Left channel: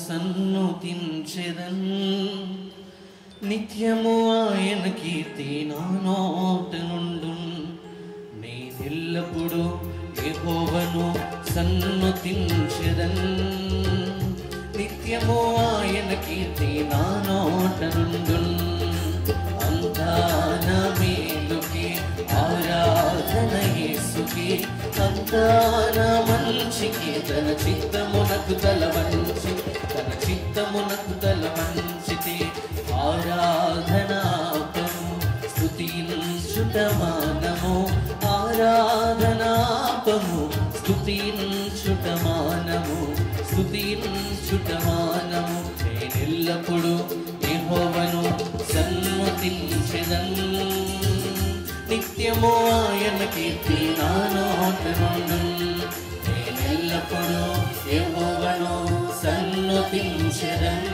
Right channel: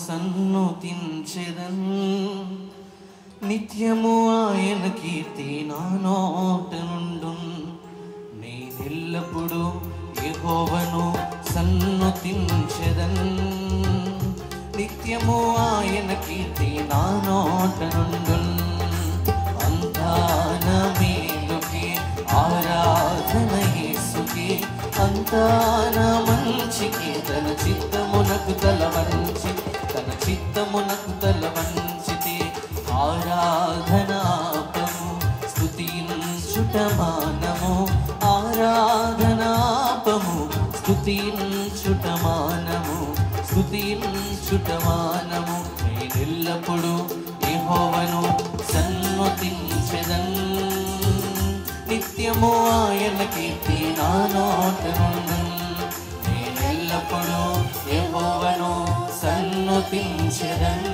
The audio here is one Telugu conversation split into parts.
సన్నుతించెదన్ నిత్యము ఆయన కీర్తి నా నోట నుండున్ నేనెల్లప్పుడు యెహోవాను సన్నుతించెదన్ నిత్యము ఆయన కీర్తి నా నోట నుండున్ అంతా నా మేలుకి ఆరాధన యేసుకి అంతా నా మంచికి తన చిత్తమునకు తల వంచితే ఆరాధనాపము స్తుతించుట మానము ఆరాధనాపము స్తుతించుట మానము నేనెల్లప్పుడు యెహోవాను సన్నుతించెదన్ నిత్యము ఆయన కీర్తి నా నోట నుండున్ నేనెల్లప్పుడు యెహోవాను సన్నుతించెదన్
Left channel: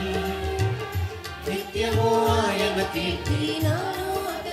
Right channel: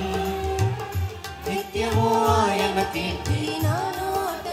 నిత్యము ఆయన కీర్తి నా నోట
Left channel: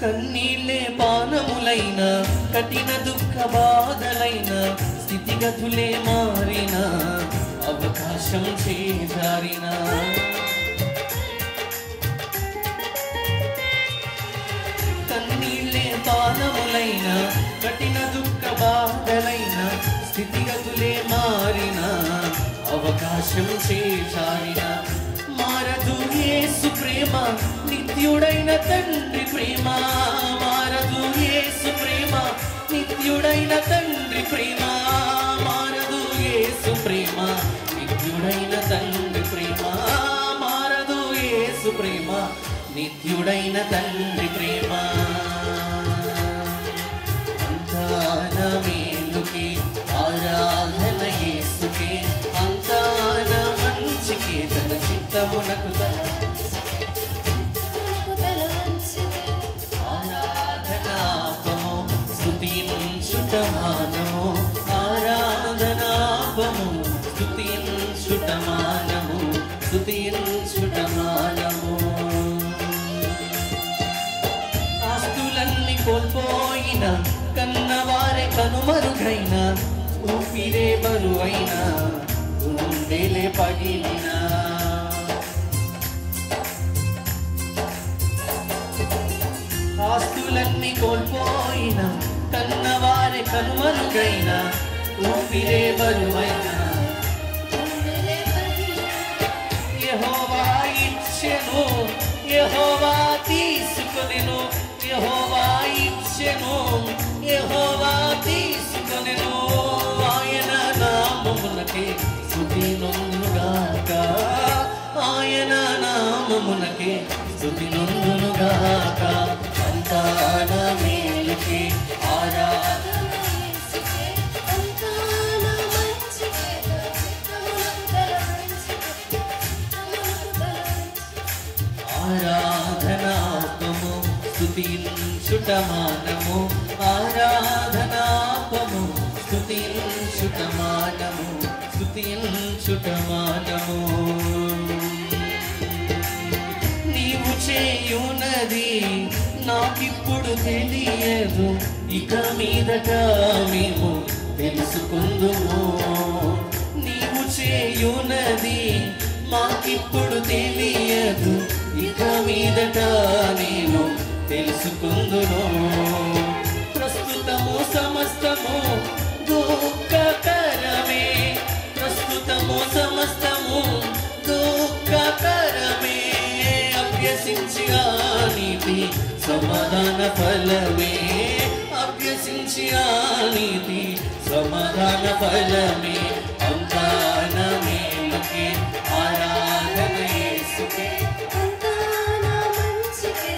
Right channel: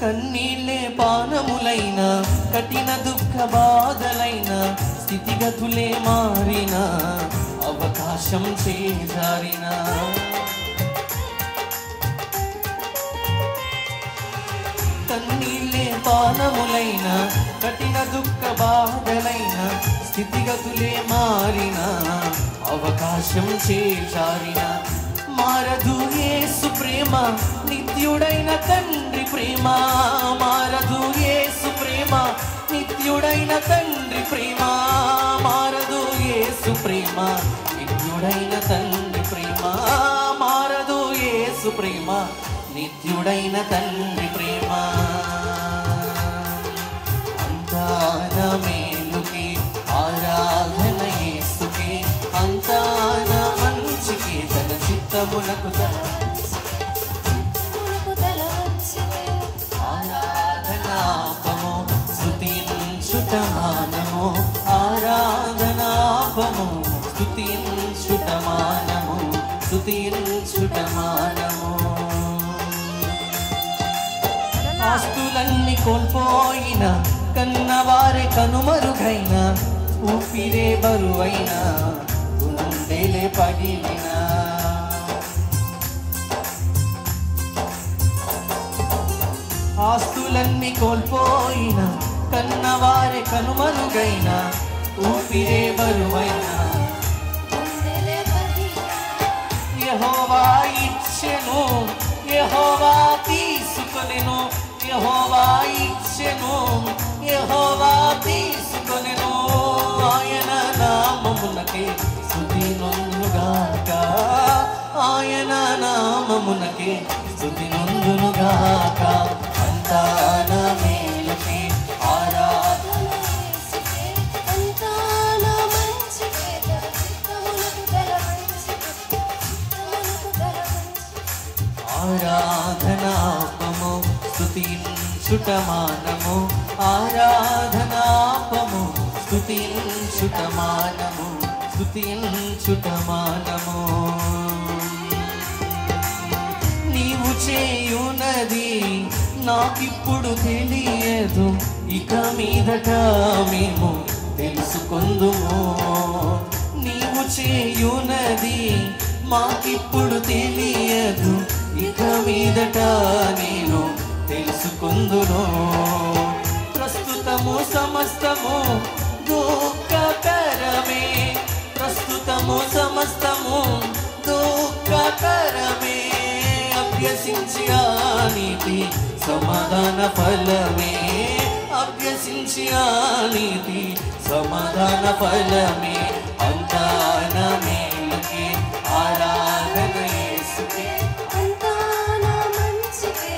కన్నీళ్ళే పానములైన కఠిన దుఃఖ బాధలైన స్థితిగతులే మారిన అవకాశం చేజారిన కన్నీళ్ళే పానములైన కఠిన దుఃఖ బాధలైన స్థితిగతులే మారిన అవకాశం చేజారిన మారదు యేసు ప్రేమ నిత్యుడైన తండ్రి ప్రేమ మారదు యేసు ప్రేమ నిత్యుడైన తండ్రి ప్రేమ మారదు యేసు ప్రేమ నిత్యుడైన తండ్రి ప్రేమ మారదు యేసు ప్రేమ నిత్యుడైన తండ్రి ప్రేమ అంతా నా మేలుకి ఆరాధన యేసుకి అంతా నా మంచికి తన చిత్తమునకు ఆరాధనాపము స్తుతించుట మానము ఆరాధనాపము స్తుతించుట మానము ఆస్తులన్నీ కోల్పోయిన కన్నవారే కనుమరుగైన ఊపిరే బరువైన గుండెలే పగిలిన ఆస్తులన్నీ కోల్పోయిన కన్నవారే కనుమరుగైన ఊపిరే బరువైన యెహోవా ఇచ్చెను యెహోవా తీసుకొనెను యెహోవా ఇచ్చెను యెహోవా తీసుకొనెను ఆయన నామమునకే స్తుతి నొందునుగాక ఆయన నామమునకే స్తుతి నొందునుగాక అంతా నా మేలుకి ఆరాధన ఆరాధనాపము స్తుతించుట మానము ఆరాధనాపము స్తుతించుట మానము నీవు చేయునది నాకిప్పుడు తెలియదు ఇక మీదట మేము తెలుసుకుందుము నీవు చేయునది మాకిప్పుడు తెలియదు ఇక మీదట నేను తెలుసుకుందును ప్రస్తుతము సమస్తము దుఃఖకరమే ప్రస్తుతము సమస్తము దుఃఖకరమే అభ్యసించి ఆ నీతి సమాధాన ఫలమే అభ్యసించి ఆ నీతి సమాధాన ఫలమే అంతా నా మేలుకి ఆరాధన యేసుకే అంతా నా మంచికే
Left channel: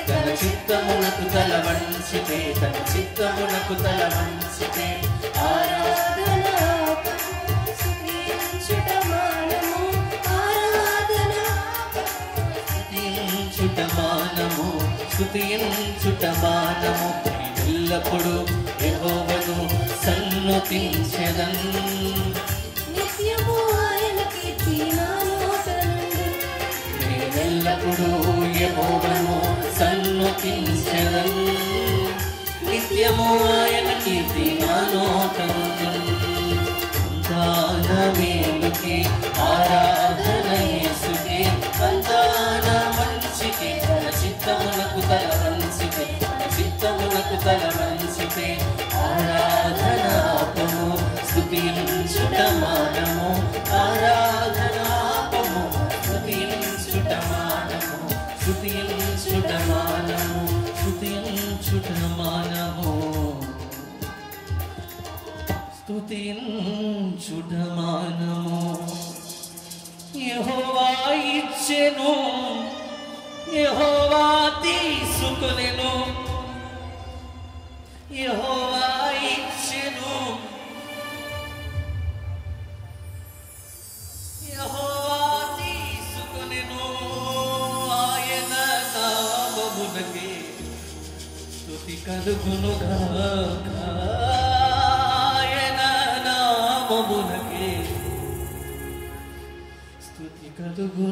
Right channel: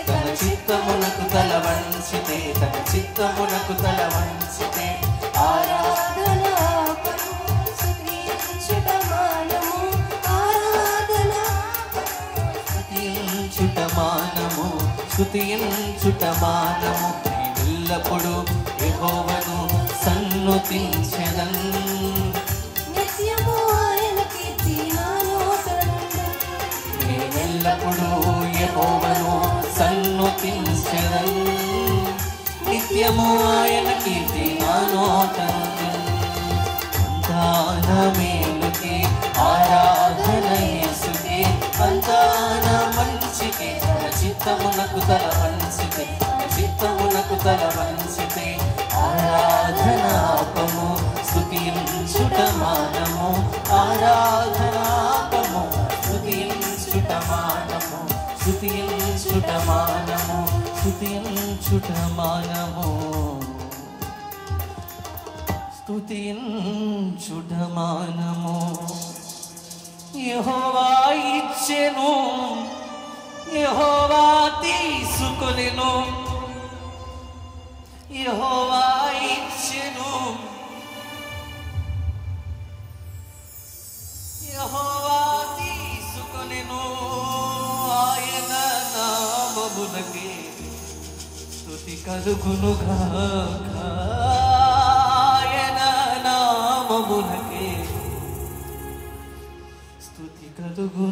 వంచితే తన చిత్తమునకు తల వంచితే స్తుతించుటమానము ఎల్లప్పుడు యెహోవాను సన్నుతించెదను నిత్యము ఆయన కీర్తి నా నోటనుండు ఎల్లప్పుడు యెహోవాను సన్నుతించెదను నిత్యము ఆయన కీర్తి నా నోటనుండు అంతాన మేలుకే ఆరాధన యేసుకే అంతాన మంచికే చిత్తమునకు తల వంచితే చిత్తమునకు తల వంచితే ఆరాధనాపము స్తుతించుటమానము ఆరాధనాపము స్తుతించుటమానము స్తుతించుటమానము స్తుతించుటమానము స్తుతించుటమానము యెహోవా ఇచ్చెను యెహోవా తీసుకొనెను యెహోవా ఇచ్చెను యెహోవా తీసుకొనెను ఆయన నామమునకే స్తుతి కలుగునుగాక ఆయన నామమునకే స్తుతి కలుగును